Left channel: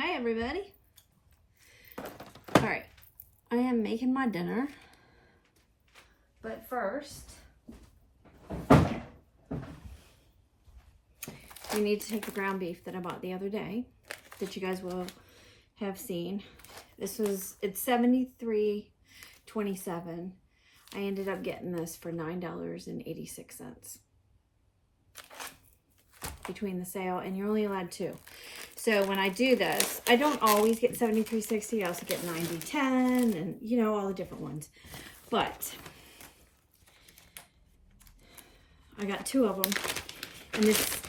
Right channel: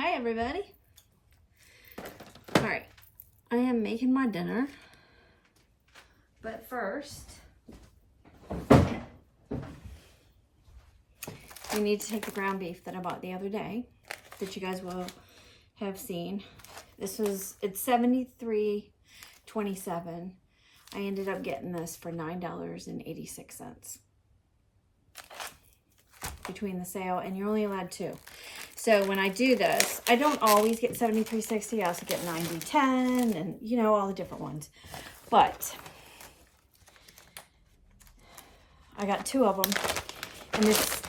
Hi everybody. All right, I am making my dinner, but first we need to take the ground beef that I bought the other day that you guys will have seen. It's $73.27. I ended up getting this for $9.86 between the sale, and you're only allowed 2. So when I do this, I don't always get 73.60. I also get 90.10 and, you know, all the different ones. But I got 2 of them. And this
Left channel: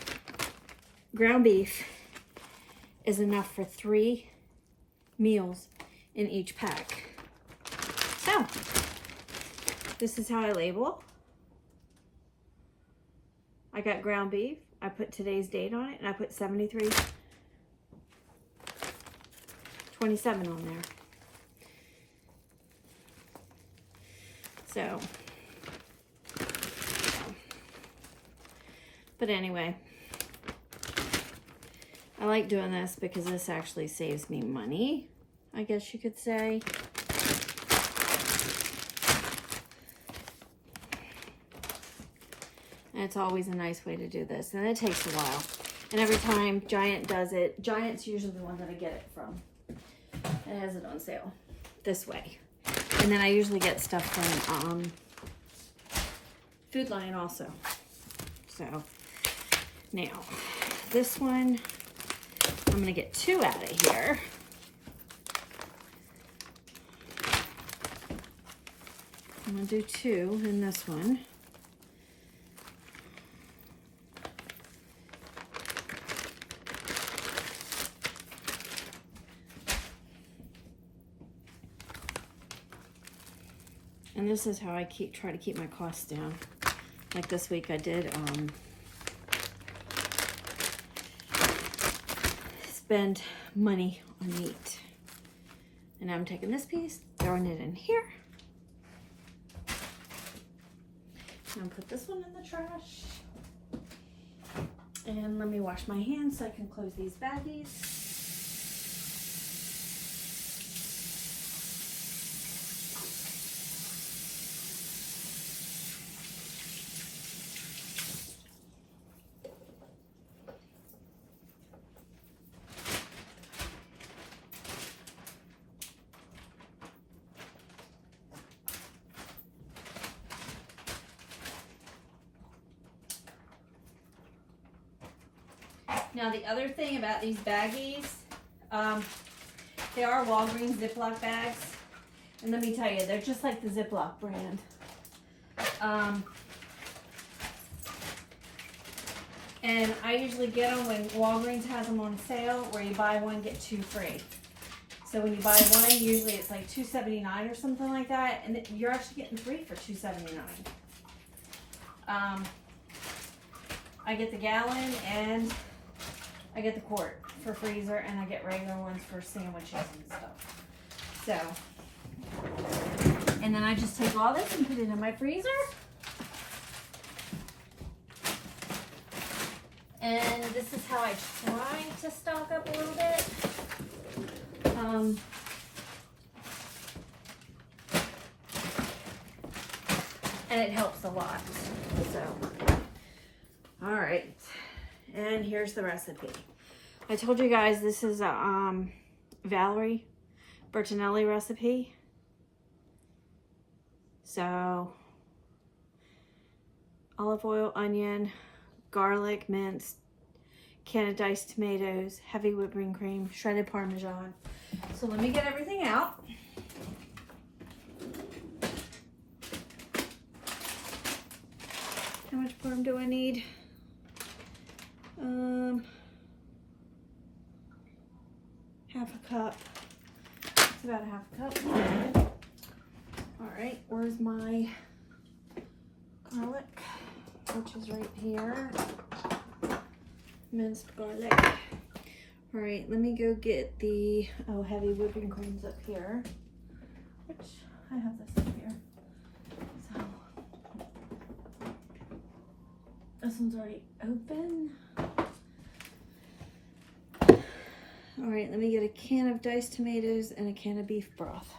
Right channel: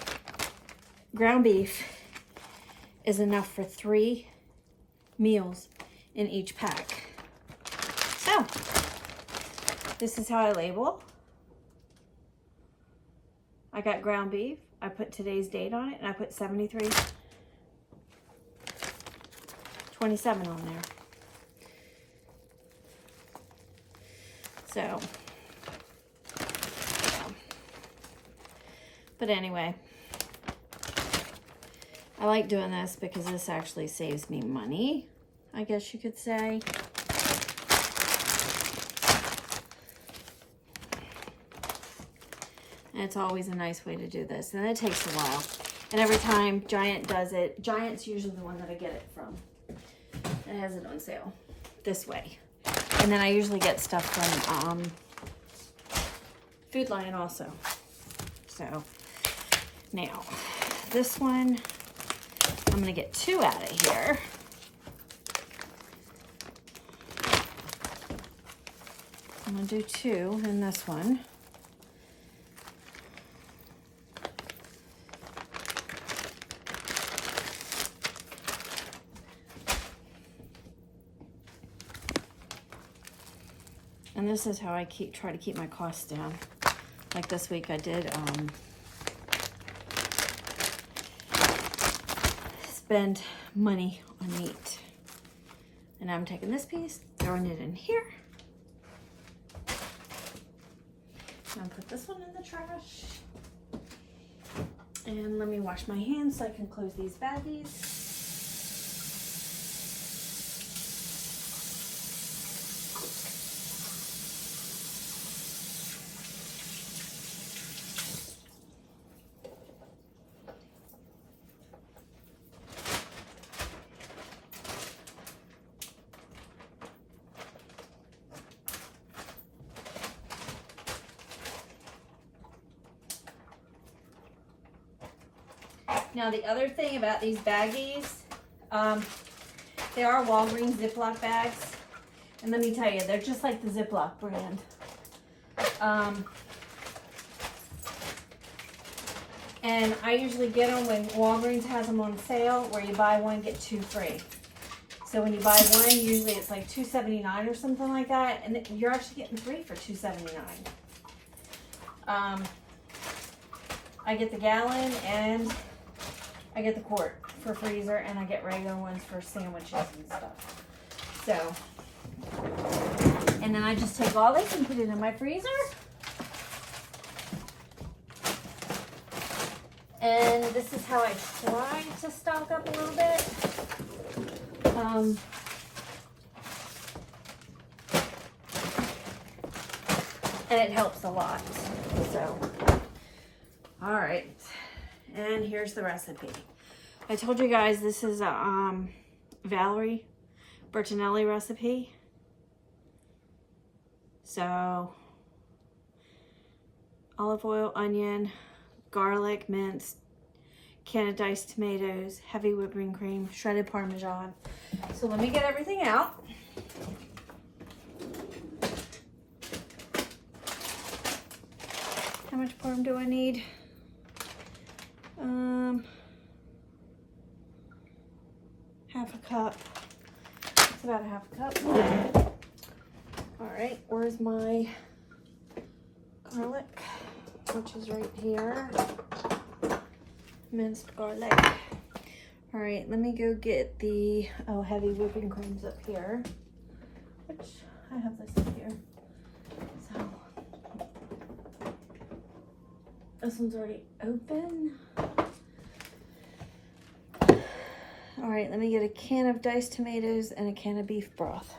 ground beef is enough for 3 meals in each pack. So this is how I label. I got ground beef. I put today's date on it, and I put 73.27 on there. So, but anyway, I like doing this because this actually saves me money, I guess you could say. And it's always a nice way to do this, and it takes a while. And every time Giant does it, Giant's usually the one that I get it from. It has it on sale this way. And then I usually get stuff from Food Lion also. So now this one, I'm gonna get 2 out of here. I'm gonna do 2 in this one. And this is how I try to keep my costs down. Like this week I did spend money on meat. And I'm taking this piece, throwing it in here. I'm gonna put this one in the trash. And let me wash my hands so I can close these baggies. Now the other thing about these baggies, they are Walgreens Ziploc bags. And let me tell you, they're just like the Ziploc brand. And I usually get them when Walgreens has them on sale, where you buy one, get 2 free. So when you buy one, usually it's like $2.79 or something like that. And you're actually getting 3 for $2.79. I get the gallon and I get the quart for freezer, and I get regular ones for sandwiches and stuff. So, and then I just take all this and put it in my freezer. And this is how I try to stock up a little bit. And it helps a lot. So, all right. And here's the recipe. I told you guys this is a Valerie Bertinelli recipe. So olive oil, onion, garlic, minced, can of diced tomatoes, heavy whipping cream, shredded Parmesan. So let me get everything out. How much parm do I need? Half a cup. It's about a half a cup. All right, where's my garlic? Which is right here. Minced garlic. All right, let me go get the heavy whipping creams up here. Which I have this up here. So this one's already open. All right, let me get a can of diced tomatoes and a can of beef broth.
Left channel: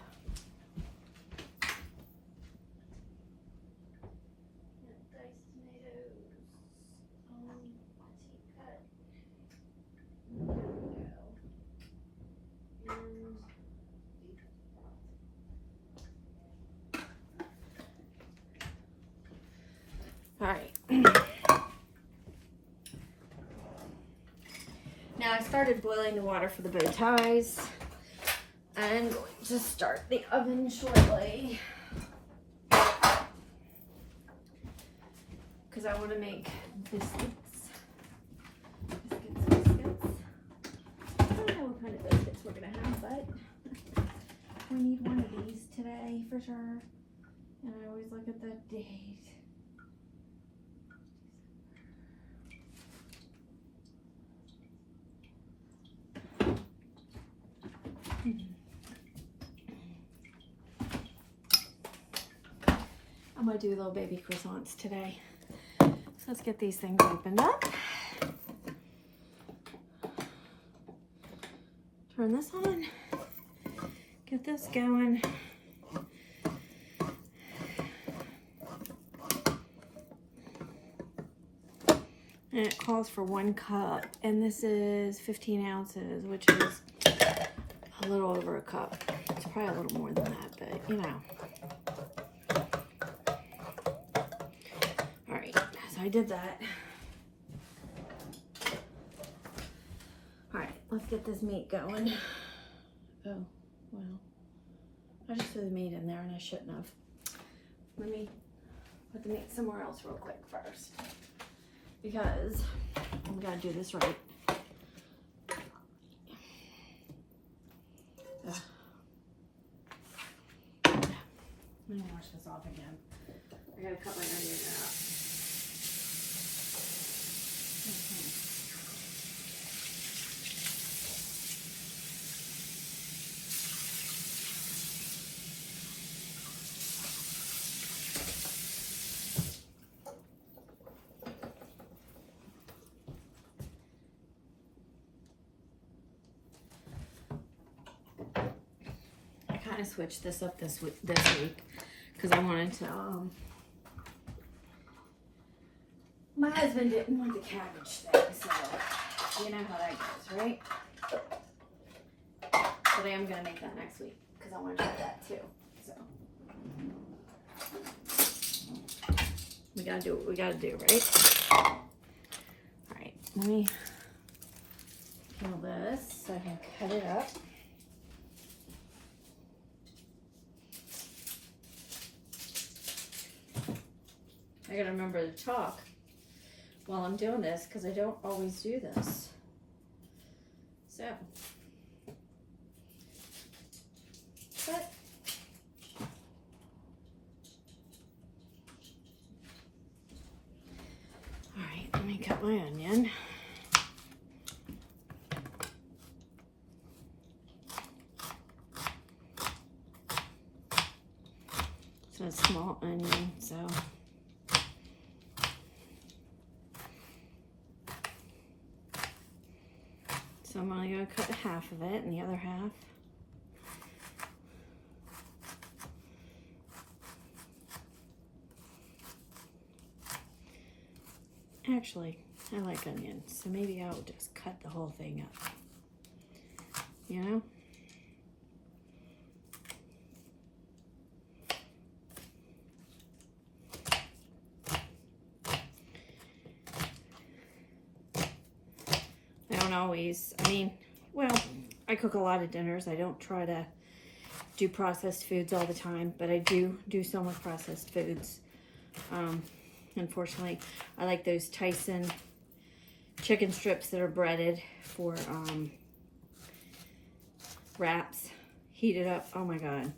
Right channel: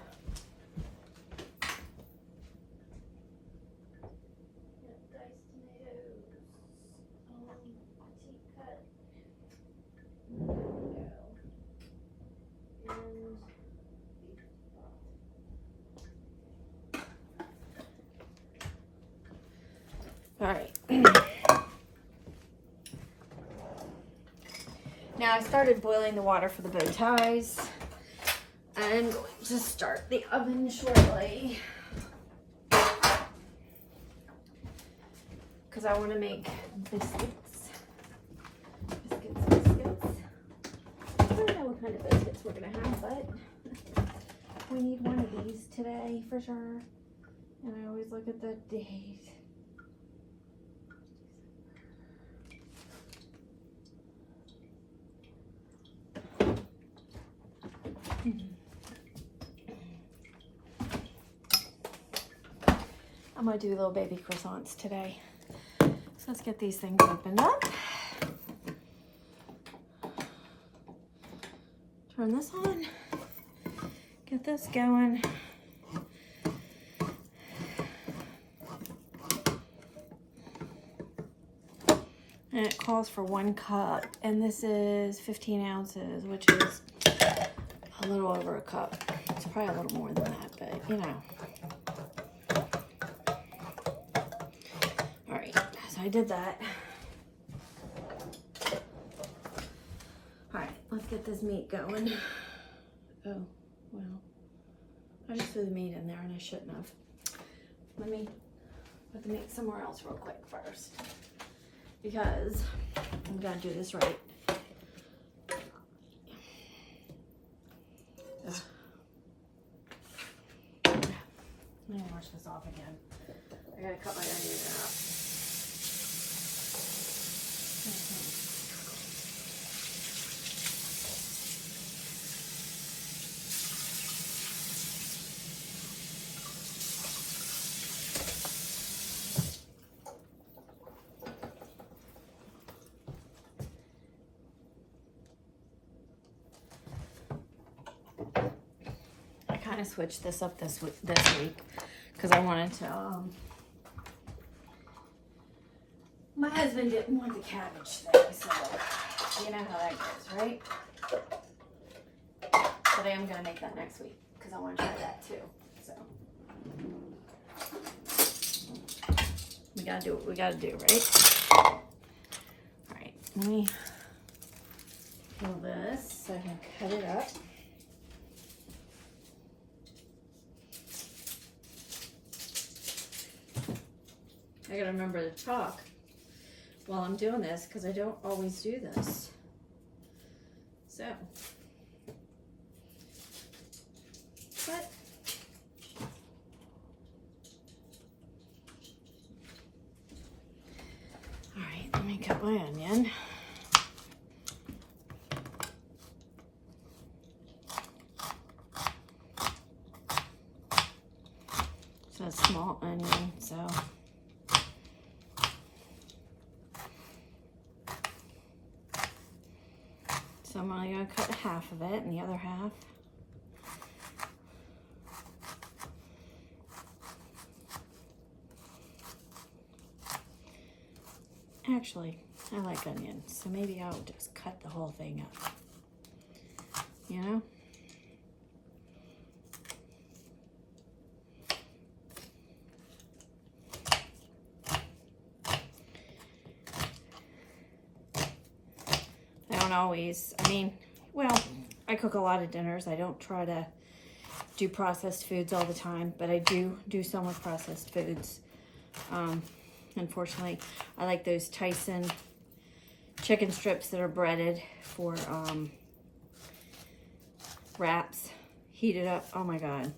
All right. Now I started boiling the water for the bow ties. I'm going to start the oven shortly because I want to make biscuits. Biscuits. I don't know what kind of biscuits we're going to have, but we need one of these today for sure. And I always look at the date. I'm going to do little baby croissants today. So let's get these things opened up. Turn this on. Get this going. And it calls for 1 cup. And this is 15 ounces, which is a little over a cup. It's probably a little more than that, but you know. So I did that. All right, let's get this meat going. Oh, well, I just threw the meat in there and I shouldn't have. Let me put the meat somewhere else real quick first because I'm gonna do this right. Ugh. Let me wash this off again. I gotta cut my onions up. Switch this up this week because I wanted to my husband didn't want the cabbage thing, so you know how that goes, right? But I am gonna make that next week because I want to try that too. So we gotta do what we gotta do, right? All right, let me peel this so I can cut it up. I gotta remember to talk while I'm doing this because I don't always do this. So, but all right, let me cut my onion. So a small onion, so. So I'm only going to cut half of it and the other half. Actually, I like onions, so maybe I'll just cut the whole thing up. You know? Always, I mean, well, I cook a lot of dinners. I don't try to do processed foods all the time, but I do some with processed foods. Unfortunately, I like those Tyson chicken strips that are breaded for wraps, heated up. Oh my God.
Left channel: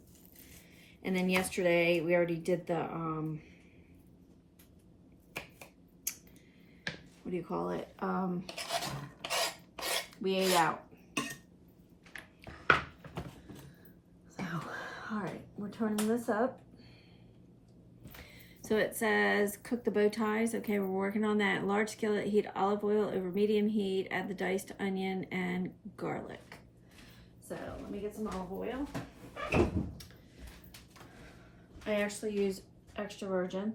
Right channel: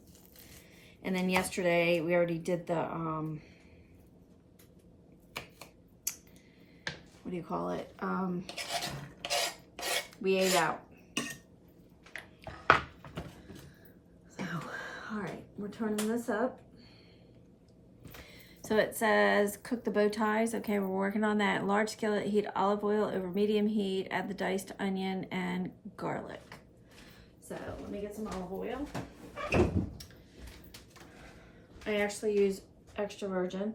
And then yesterday we already did the what do you call it? We ate out. So, all right, we're turning this up. So it says cook the bow ties. Okay, we're working on that. Large skillet, heat olive oil over medium heat. Add the diced onion and garlic. So let me get some olive oil. I actually use extra virgin.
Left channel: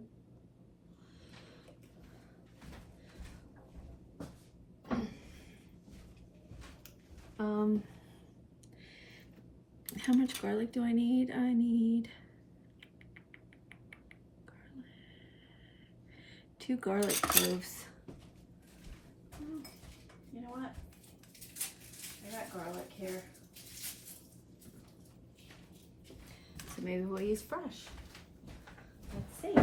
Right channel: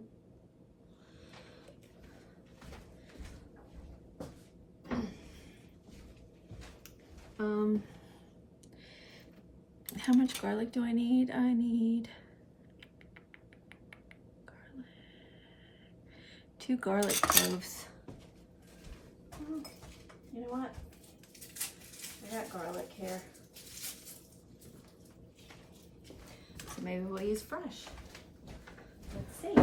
How much garlic do I need? I need garlic. 2 garlic cloves. Oh, you know what? I got garlic here. So maybe we'll use fresh. Let's see.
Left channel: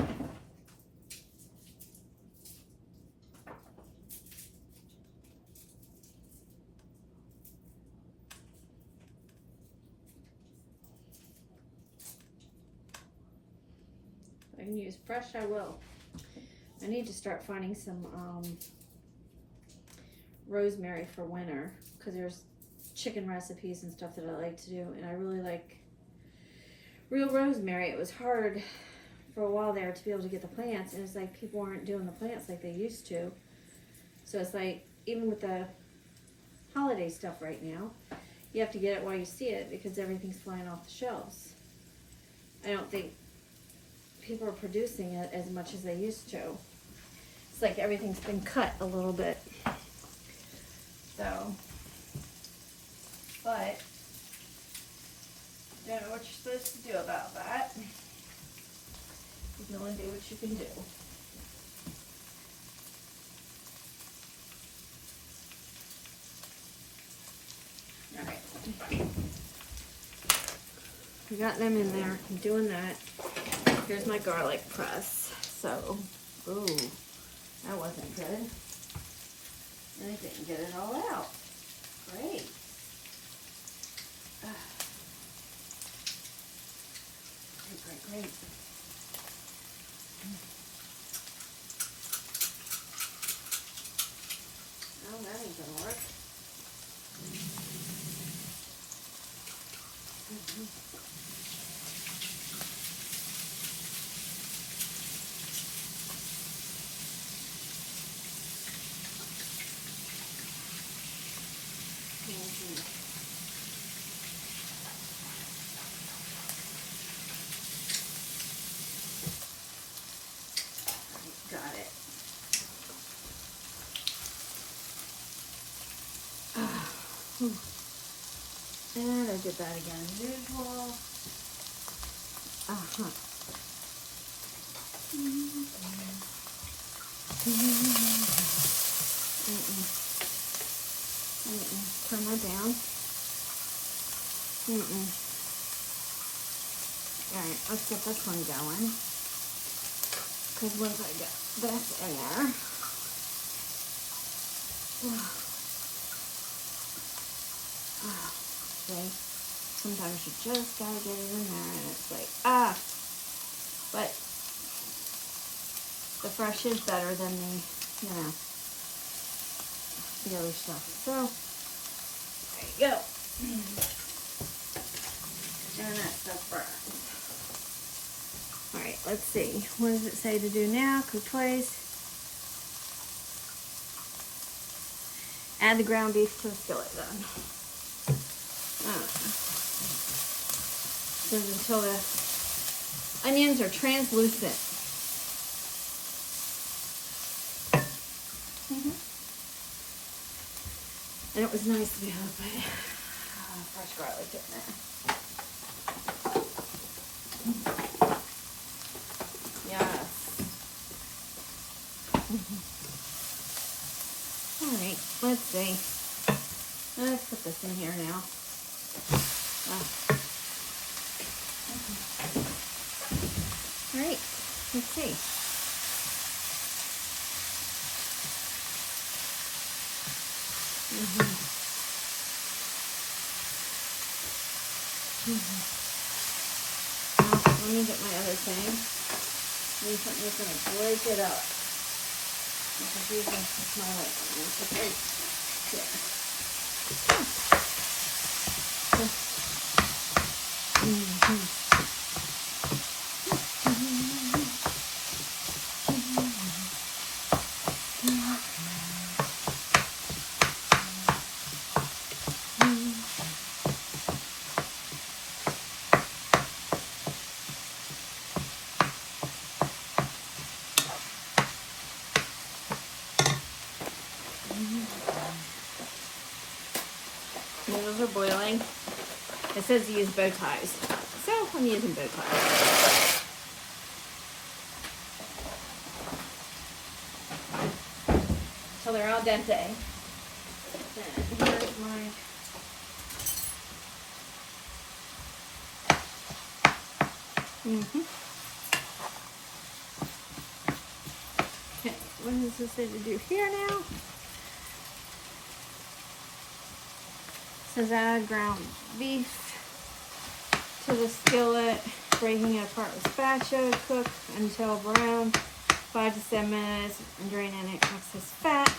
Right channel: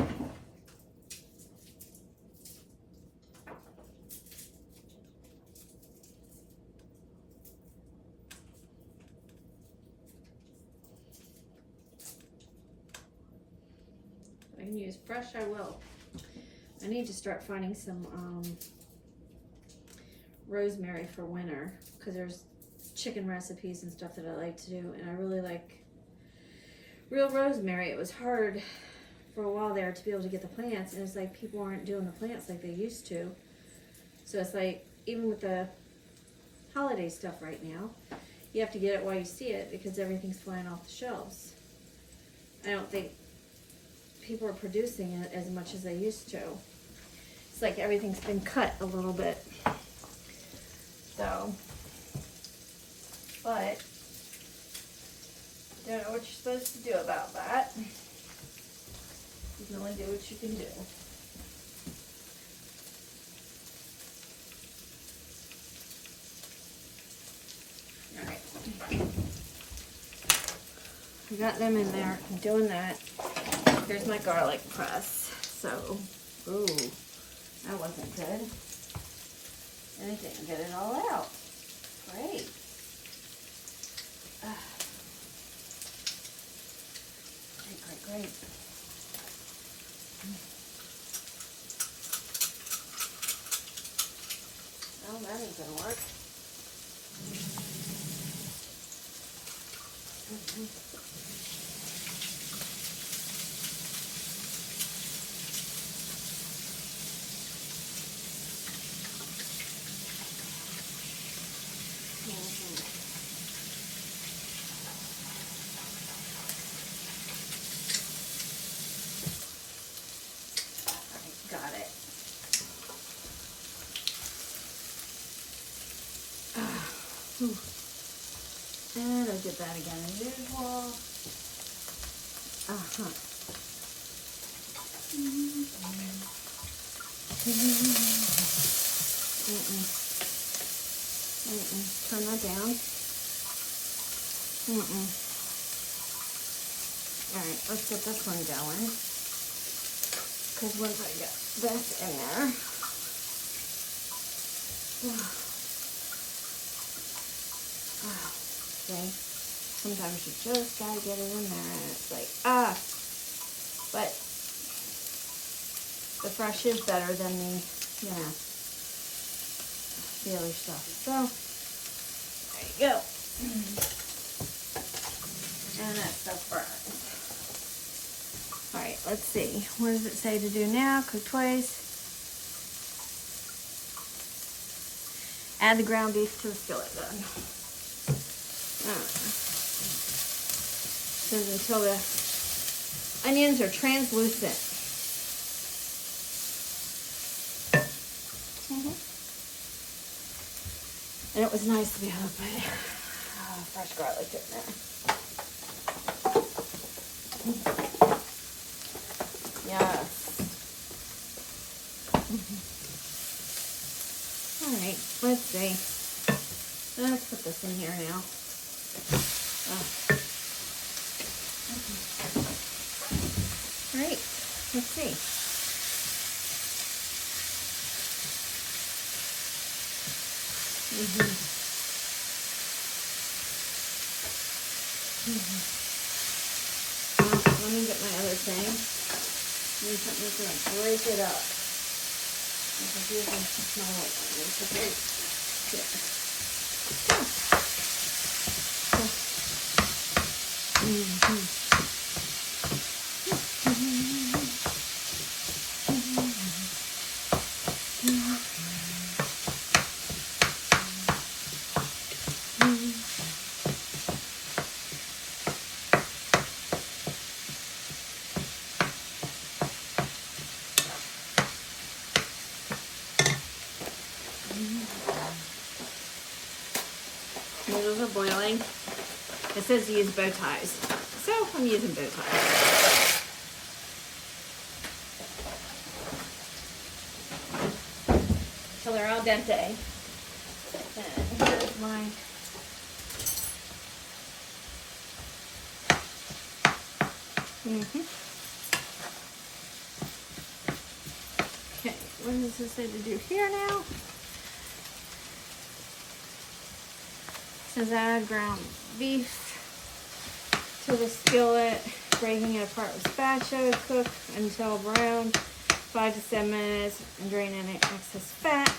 If I can use fresh, I will. I need to start finding some rosemary for winter, because there's chicken recipes and stuff that I like to do, and I really like real rosemary. It was hard for a while there to be able to get the plants, and it's like people aren't doing the plants like they used to. So it's like, even with the holiday stuff right now, you have to get it while you see it, because everything's flying off the shelves. I don't think people are producing it as much as they used to. It's like everything's been cut a little bit. So, but don't know what you're supposed to do about that. You can only do what you can do. Alright. I got them in there. I'm doing that. Here's my garlic press. So, ooh, that wasn't good. And it didn't get it all out. Great. Great. Oh, that ain't gonna work. Got it. And I did that again as usual. Turn that down. Alright, let's get this one going. Because once I get this in there, okay, sometimes you just gotta get it in there, and it's like, but the fresh is better than the, the other stuff. So, there you go. And that's the first. Alright, let's see. What does it say to do now? Cook twice. Add the ground beef to the skillet then. Says until the onions are translucent. And it was nice to be able to put fresh garlic in there. Yes. Alright, let's see. Let's put this in here now. Alright, let's see. Now, let me get my other thing. Maybe something that's going to break it up. This is using small light. It's great. Noodles are boiling. It says use bow ties, so I'm using bow ties. So they're al dente. And here's my Okay, what does this say to do here now? It says add ground beef to the skillet, breaking it apart with spatula, cook until brown, 5 to 7 minutes, and drain any excess fat.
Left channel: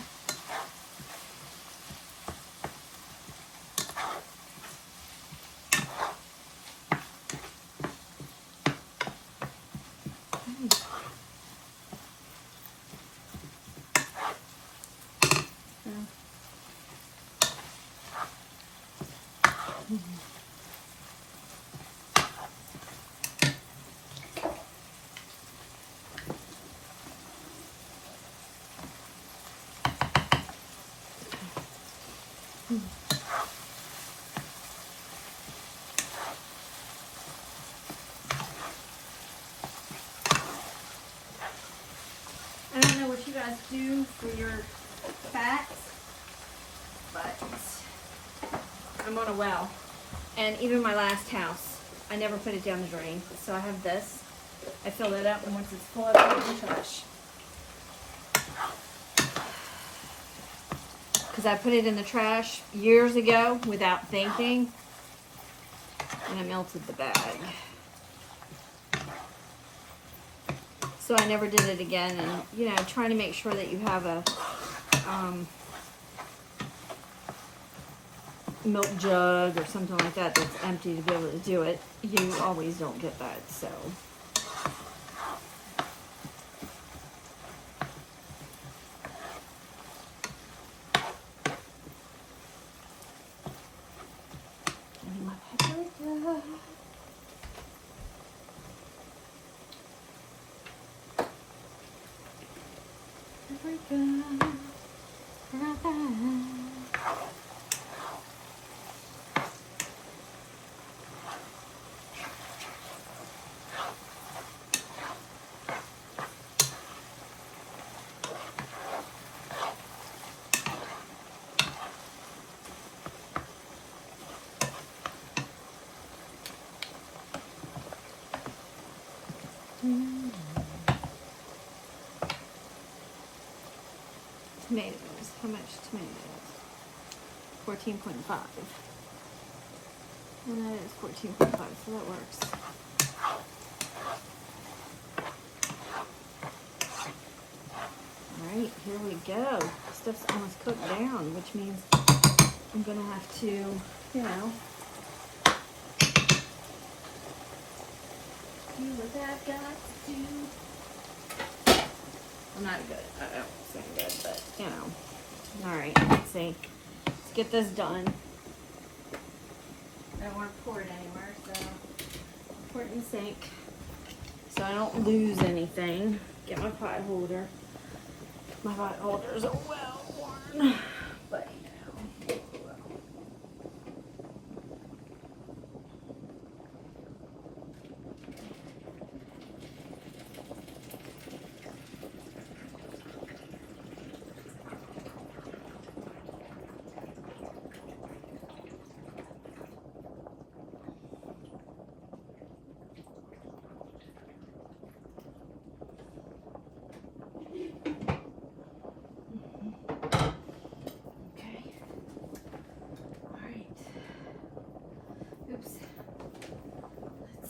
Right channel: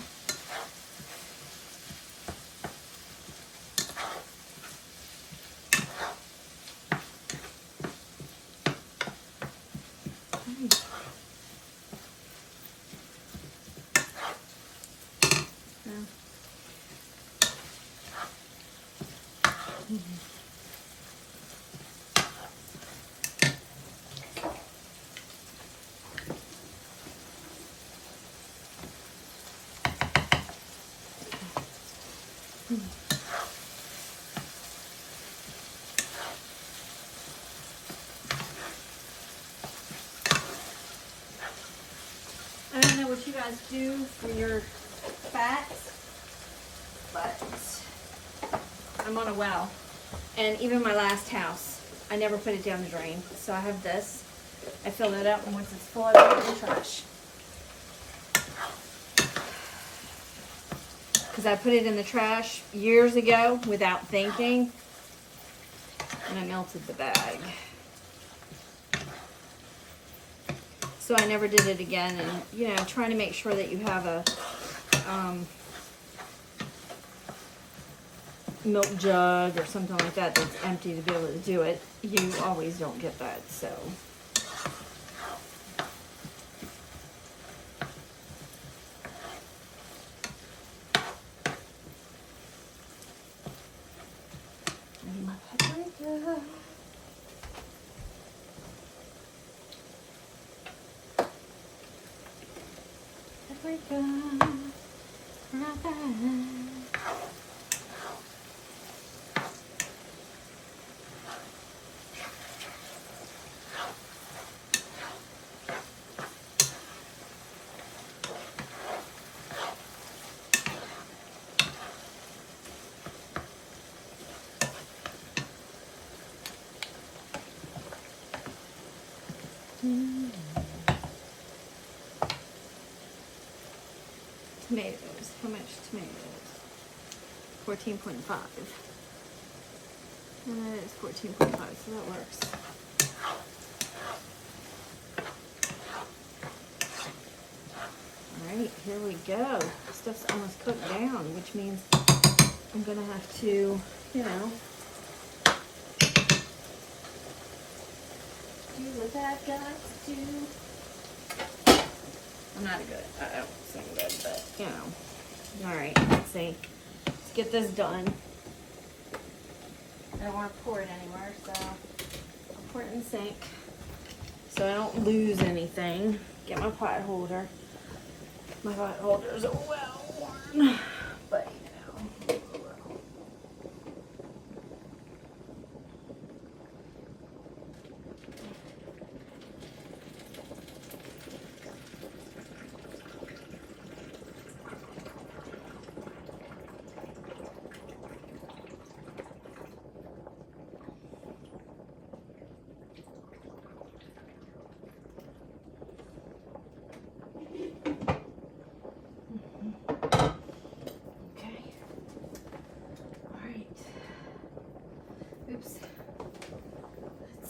I don't know what you guys do for your fats, but I'm on a well. And even my last house, I never put it down the drain. So I have this. I fill it up, and once it's full, I put it in the trash. Because I put it in the trash years ago without thinking, and I melted the bag. So I never did it again, and you know, trying to make sure that you have a milk jug or something like that that's empty to be able to do it. You always don't get that, so. I need my paprika. Tomatoes. How much tomatoes? 14.5. And that is 14.5, so that works. Alright, here we go. Stuff's almost cooked down, which means I'm gonna have to, you know, do what I've got to do. I'm not good. I don't sound good, but you know. Alright, let's see. Let's get this done. I don't want to pour it anywhere, so I'll pour it in the sink so I don't lose anything. Get my pot holder. My pot holders are well worn, but you know.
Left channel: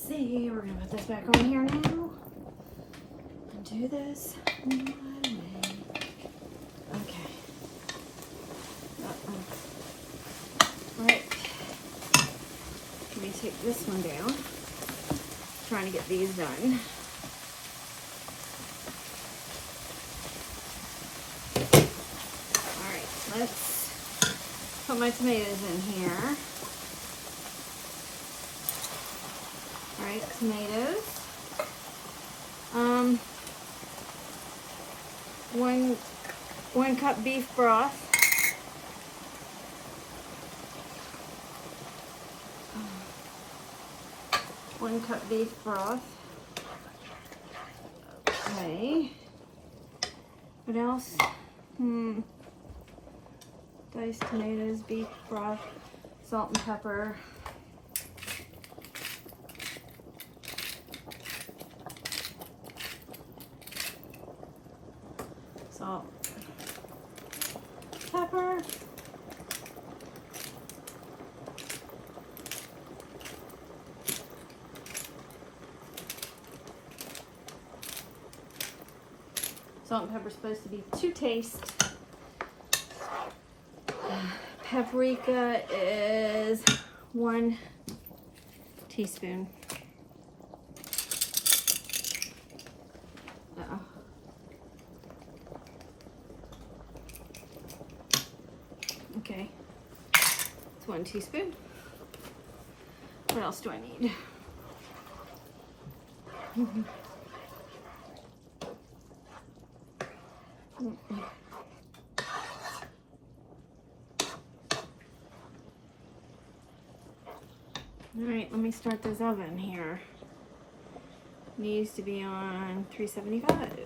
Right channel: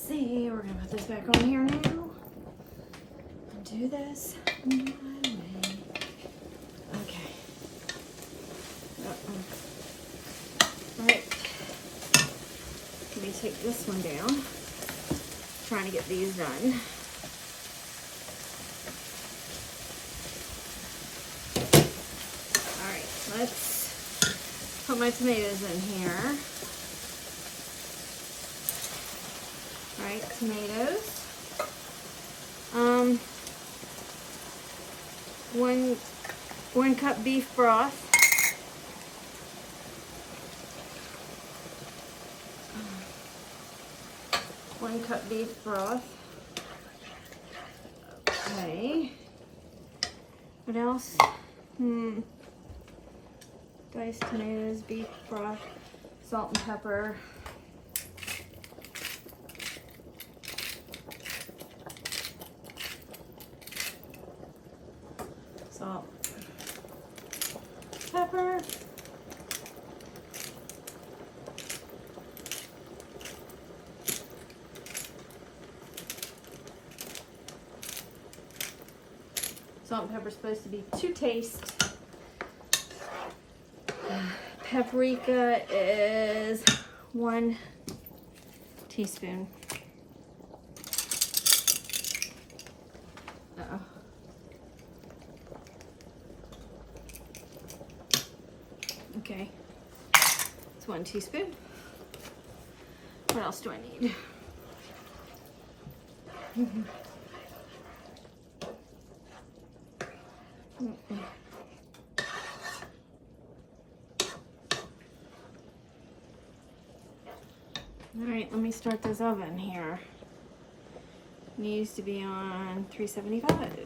See, we're gonna put this back on here now and do this. Okay. Right. Let me take this one down. Trying to get these done. All right, let's put my tomatoes in here. Alright, tomatoes. One cup beef broth. 1 cup beef broth. Okay. What else? Diced tomatoes, beef broth, salt and pepper. Salt, pepper. Salt and pepper is supposed to be to taste. Paprika is 1 teaspoon. Uh-oh. Okay, it's 1 teaspoon. What else do I need? All right, let me start this oven here. It needs to be on 375.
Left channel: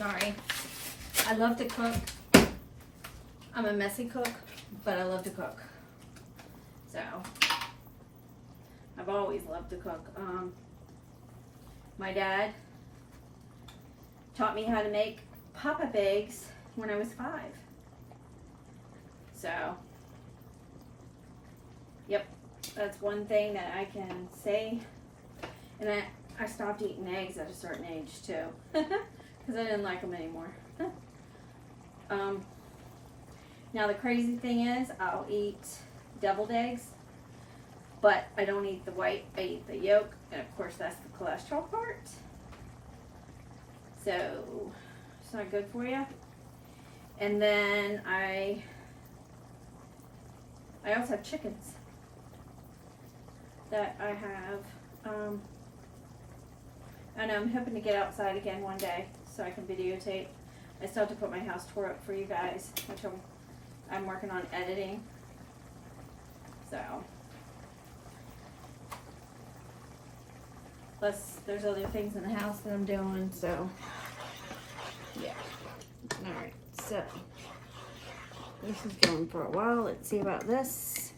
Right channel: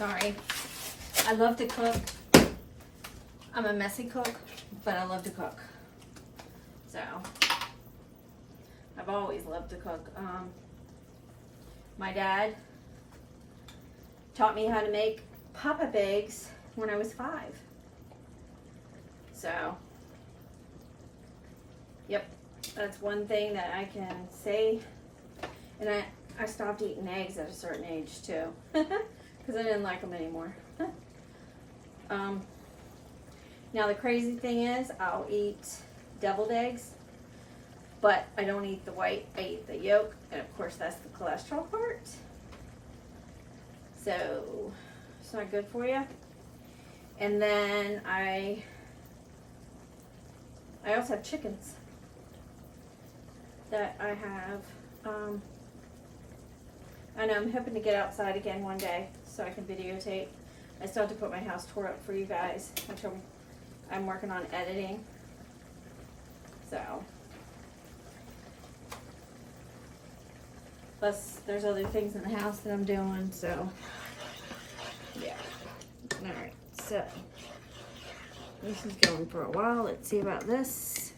Sorry. I love to cook. I'm a messy cook, but I love to cook. So, I've always loved to cook. My dad taught me how to make pop-up eggs when I was 5. So, yep, that's one thing that I can say. And I stopped eating eggs at a certain age too. Because I didn't like them anymore. Now the crazy thing is, I'll eat deviled eggs, but I don't eat the white, I eat the yolk, and of course that's the cholesterol part. So, it's not good for you. And then I also have chickens that I have, and I'm hoping to get outside again one day so I can videotape. I still have to put my house tour up for you guys, which I'm working on editing. So, plus there's other things in the house that I'm doing, so yeah. Alright, so this is going for a while. Let's see about this.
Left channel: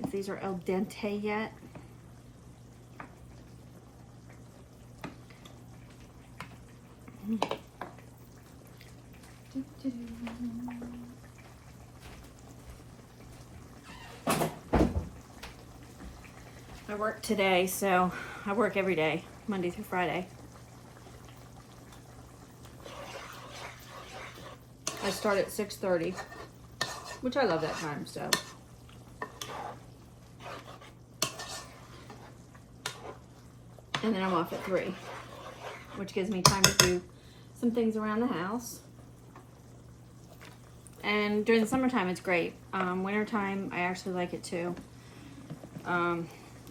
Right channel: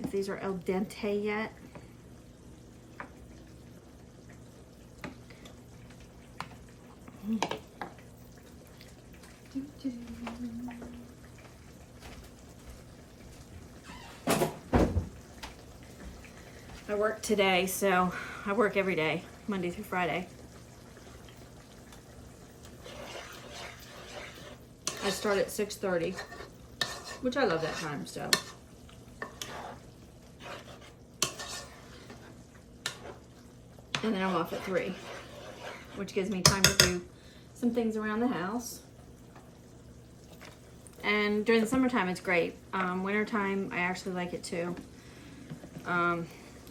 If these are al dente yet. I work today, so I work every day, Monday through Friday. I start at 6:30, which I love that time, so. And then I'm off at 3, which gives me time to do some things around the house. And during the summertime, it's great. Wintertime, I actually like it too.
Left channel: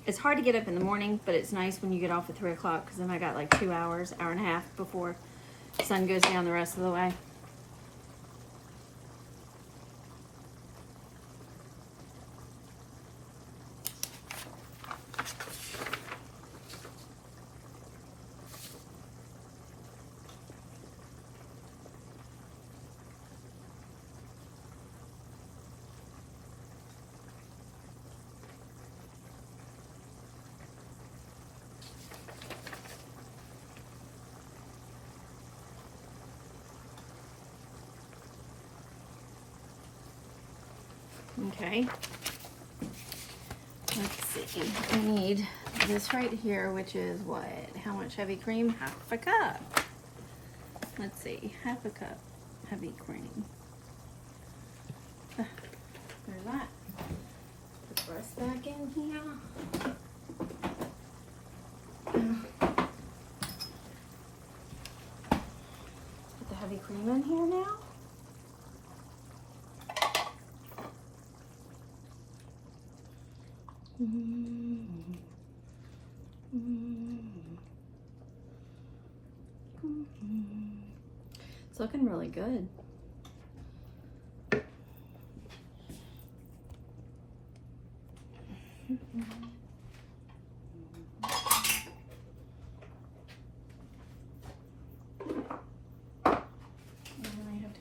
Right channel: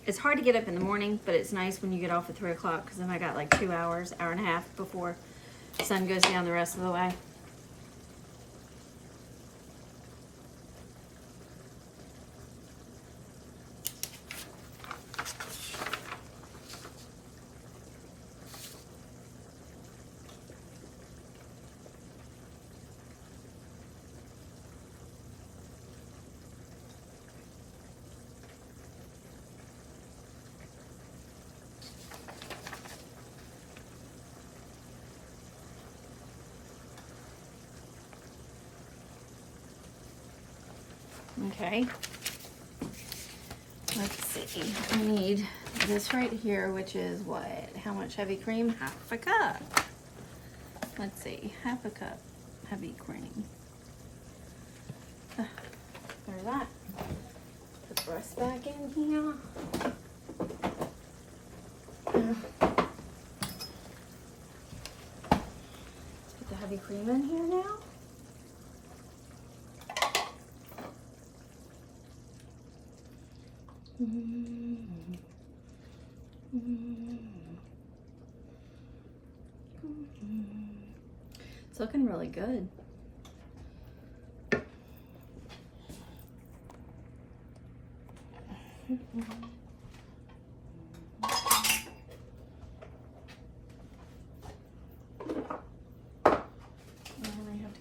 It's hard to get up in the morning, but it's nice when you get off at 3 o'clock, because then I got like 2 hours, hour and a half before the sun goes down the rest of the way. Okay, let's see, I need this right here, which is what? How much heavy cream? Half a cup. Let's see, half a cup heavy cream. There's that. Put the rest back in here. Put the heavy cream in here now. It's looking really good.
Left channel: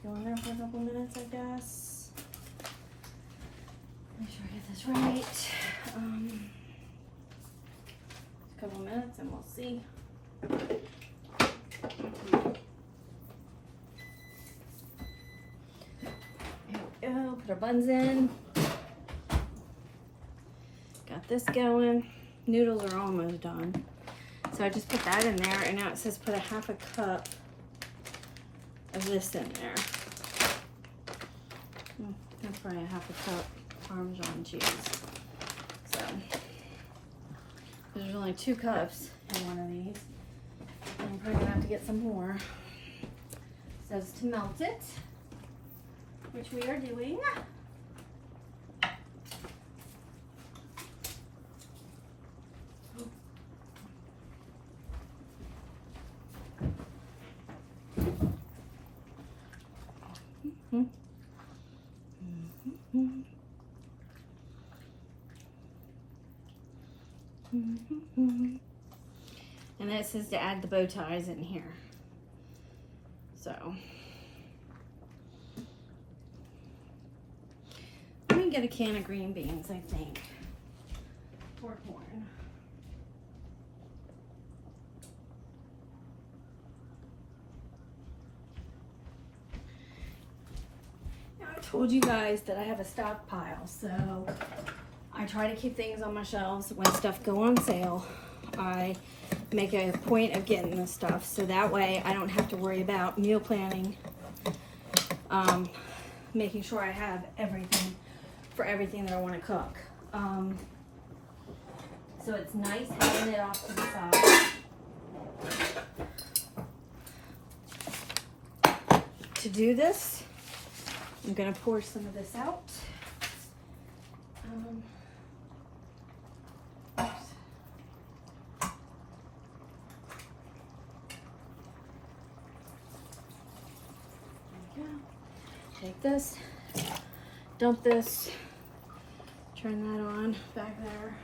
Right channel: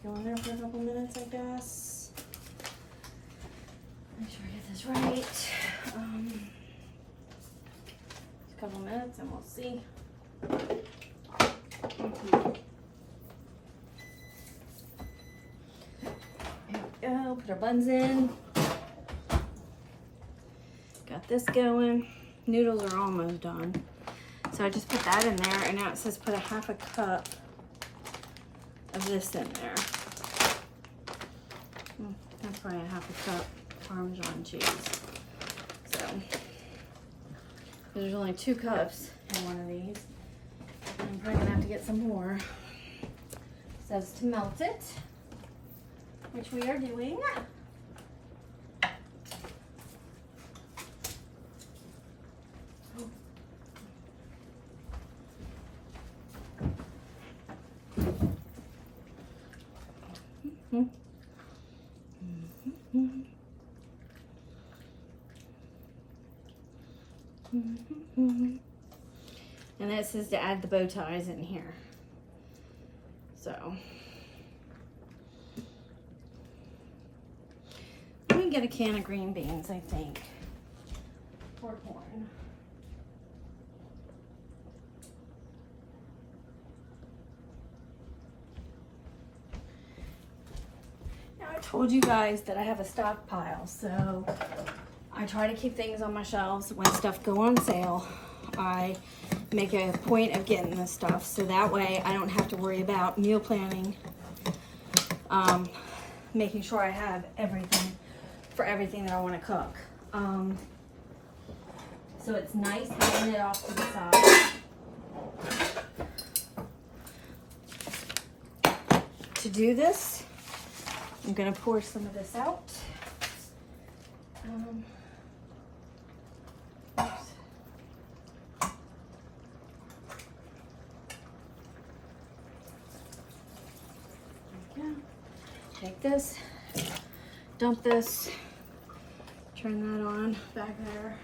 Go in there for a couple minutes, I guess. Make sure I get this right. A couple minutes and we'll see. There we go. Put our buns in. Got this going. Noodles are almost done. So I just put that in there, and now it says put a half a cup of this in there. That's probably a half a cup Parmesan cheese. So there's only 2 cups in one of these. I'm probably gonna have to get some more. It says to melt it, which we are doing. And it says to add the bow ties in here. So I'm gonna get a can of green beans, I think, or corn. Now I told you guys that I have a stockpile, so I try to keep things on my shelves. When stuff go on sale, I make a point of getting this stuff, so that way I don't have to worry about meal planning, making sure I have everything for everything that I want to cook. So it's nice having it off to the side. To do this, I'm going to pour some of this out. Take this, dump this, turn that on back there.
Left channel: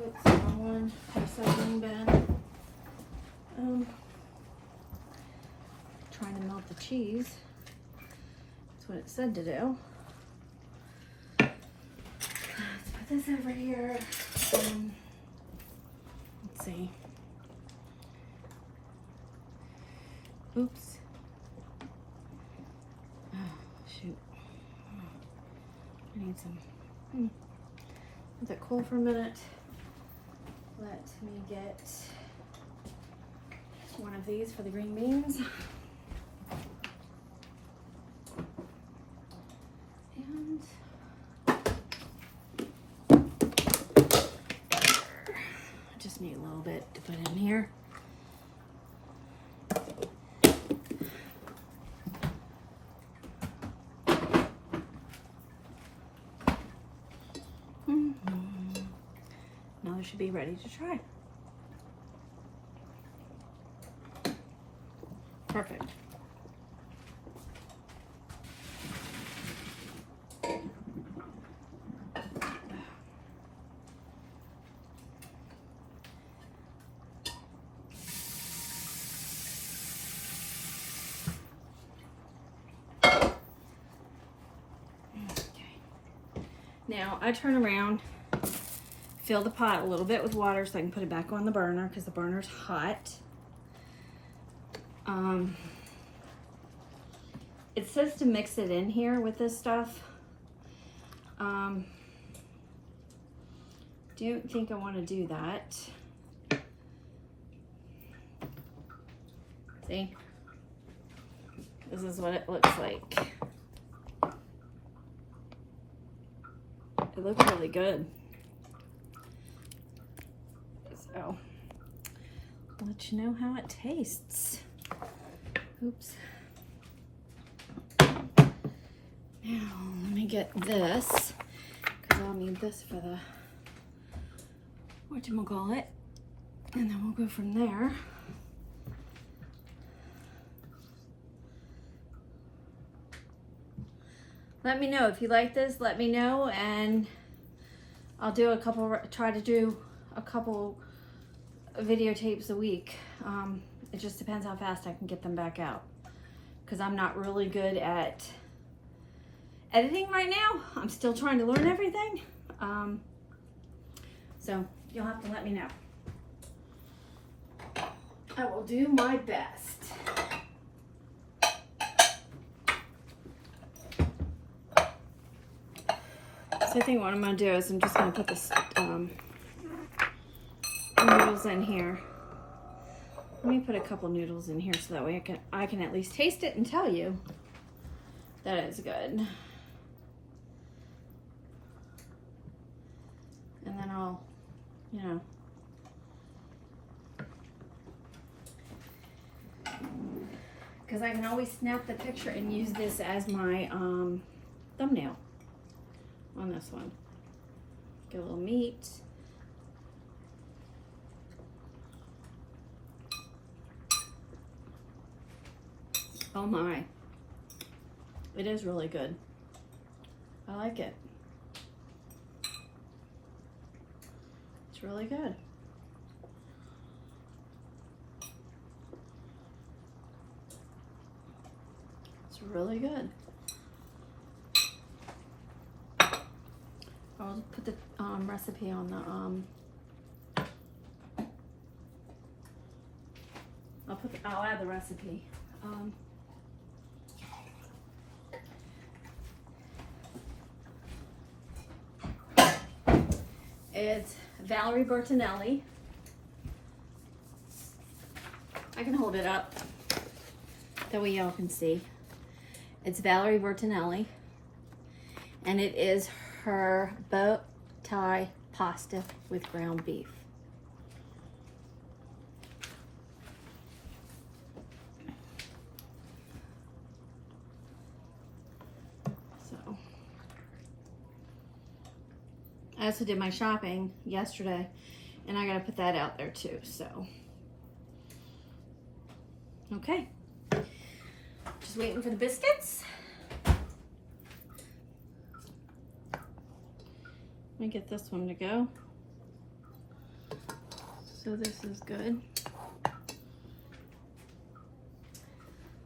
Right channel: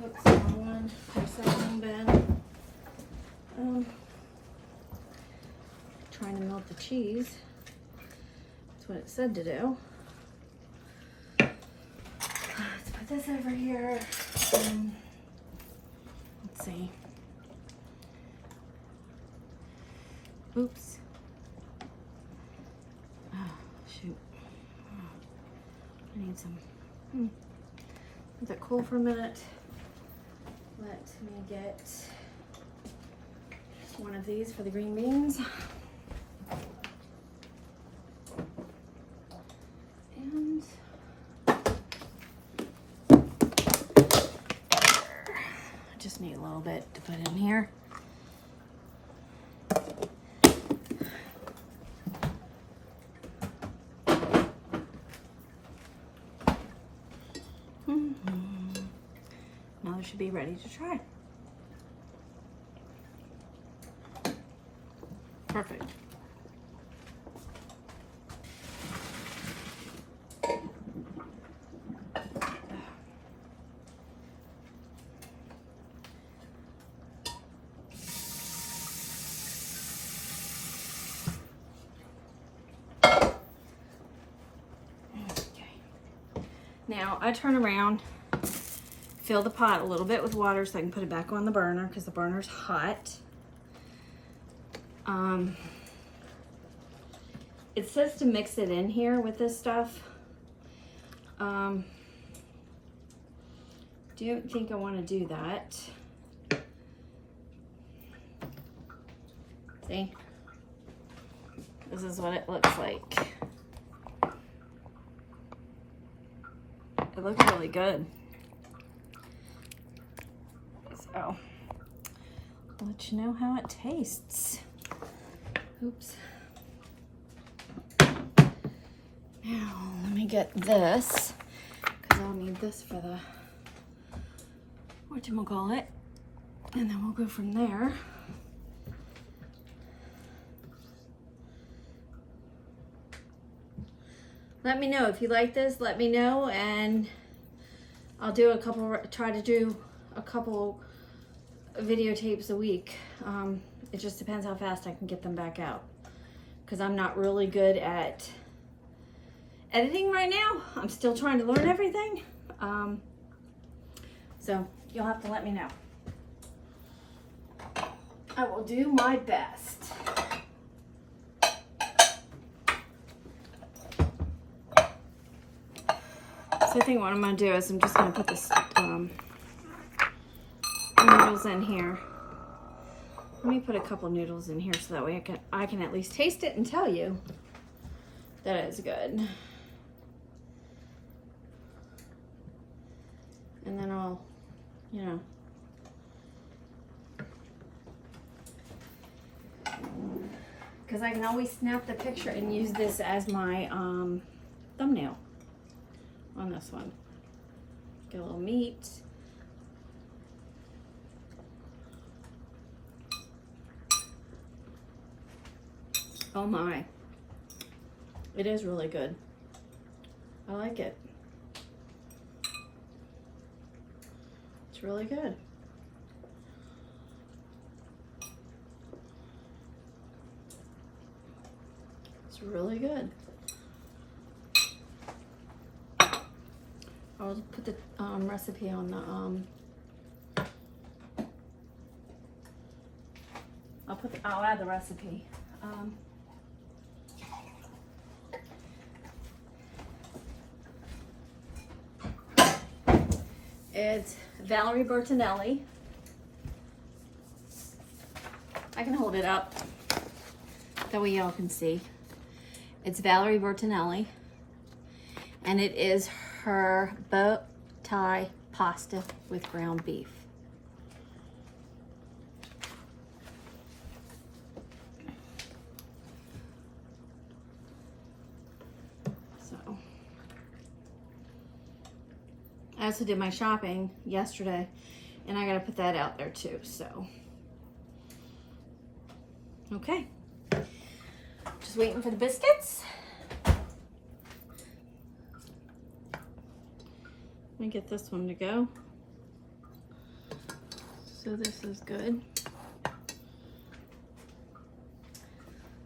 Oops, wrong one. Recycling bin. Trying to melt the cheese. That's what it said to do. Let's put this over here. Let's see. Oops. Shoot. I need some. Let that cool for a minute. Let me get one of these for the green beans. And I just need a little bit to put in here. Now it should be ready to try. Perfect. Now I turn around, fill the pot a little bit with water so I can put it back on the burner because the burner's hot. It says to mix it in here with this stuff. Don't think I want to do that. See? This is what it looks like. It looks really good. So, I'll let you know how it tastes. Oops. Now, let me get this, because I'll need this for the whatchamacallit, and then we'll go from there. Let me know if you like this. Let me know, and I'll do a couple. Try to do a couple videotapes a week. It just depends how fast I can get them back out, because I'm not really good at editing right now. I'm still trying to learn everything. So you'll have to let me know. I will do my best. So I think what I'm going to do is I'm just going to put this noodles in here. Let me put a couple noodles in here so that way I can at least taste it and tell you that it's good. And then I'll, you know, because I can always snap the picture and use this as my thumbnail on this one. Get a little meat. Oh my. It is really good. I like it. It's really good. It's really good. I'll put the recipe on the I'll add the recipe. It's Valerie Bertinelli. I can hold it up that way y'all can see. It's Valerie Bertinelli, and it is her bow tie pasta with ground beef. So, I also did my shopping yesterday, and I gotta put that out there too, so. Okay. Just waiting for the biscuits. Let me get this one to go. So this is good.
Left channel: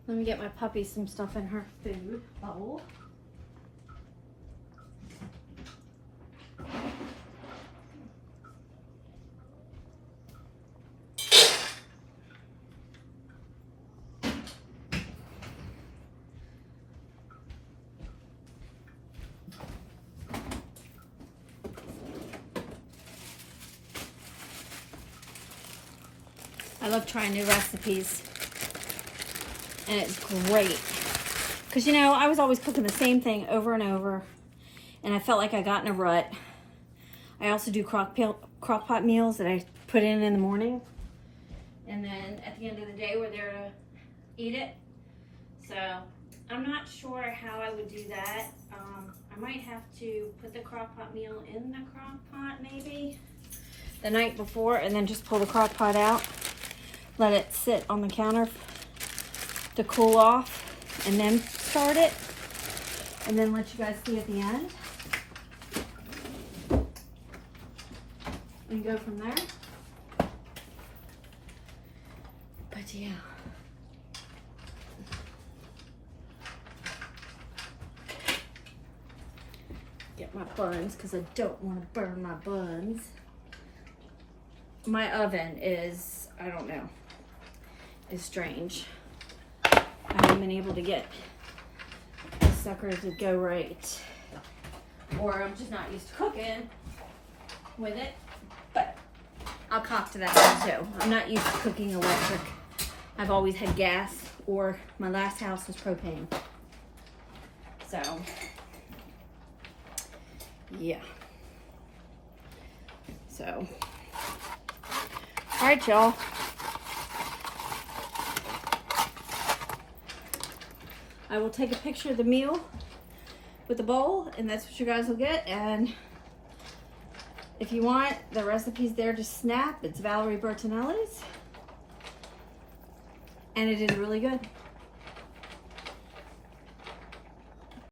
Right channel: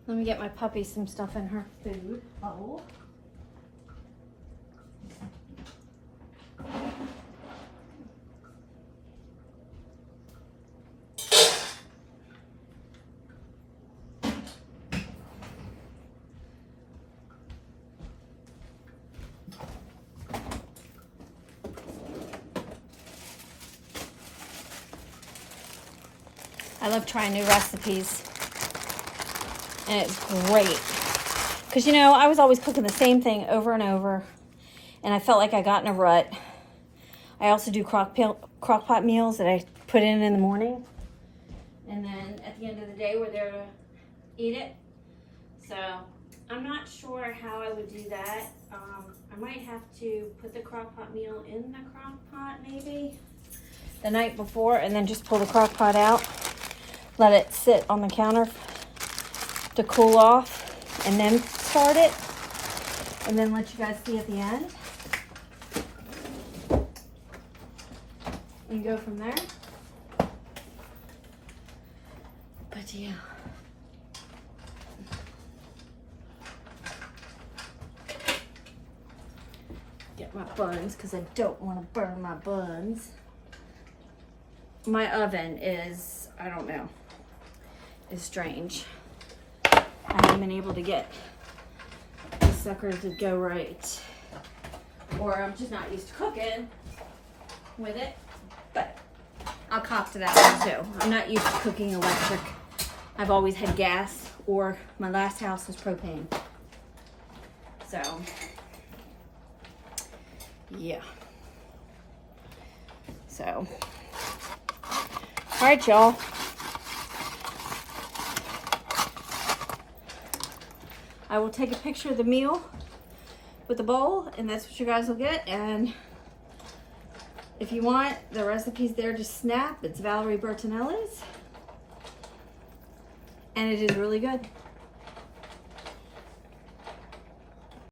Let me get my puppy some stuff in her food bowl. I love trying new recipes, and it's great because, you know, I was always cooking the same thing over and over, and I felt like I got in a rut. I also do crock pot meals that I put in the morning, and then at the end of the day we're there to eat it. So I'm not sure how I would do that. I might have to put the crock pot meal in the crock pot maybe the night before, and then just pull the crock pot out. Let it sit on the counter to cool off, and then start it, and then let you guys see at the end. And go from there. But yeah. Get my buns, because I don't want to burn my buns. My oven is, I don't know, is strange. I haven't been able to get the sucker to go right. Or I'm just not used to cooking with it. But I'll cop to that one too. I'm not used to cooking electric. I've always had gas, or my last house was propane. So, yeah. So, all right, y'all. I will take a picture of the meal with the bowl, and that's what you guys will get. And if you want, the recipe's there to snap. It's Valerie Bertinelli's, and it is really good.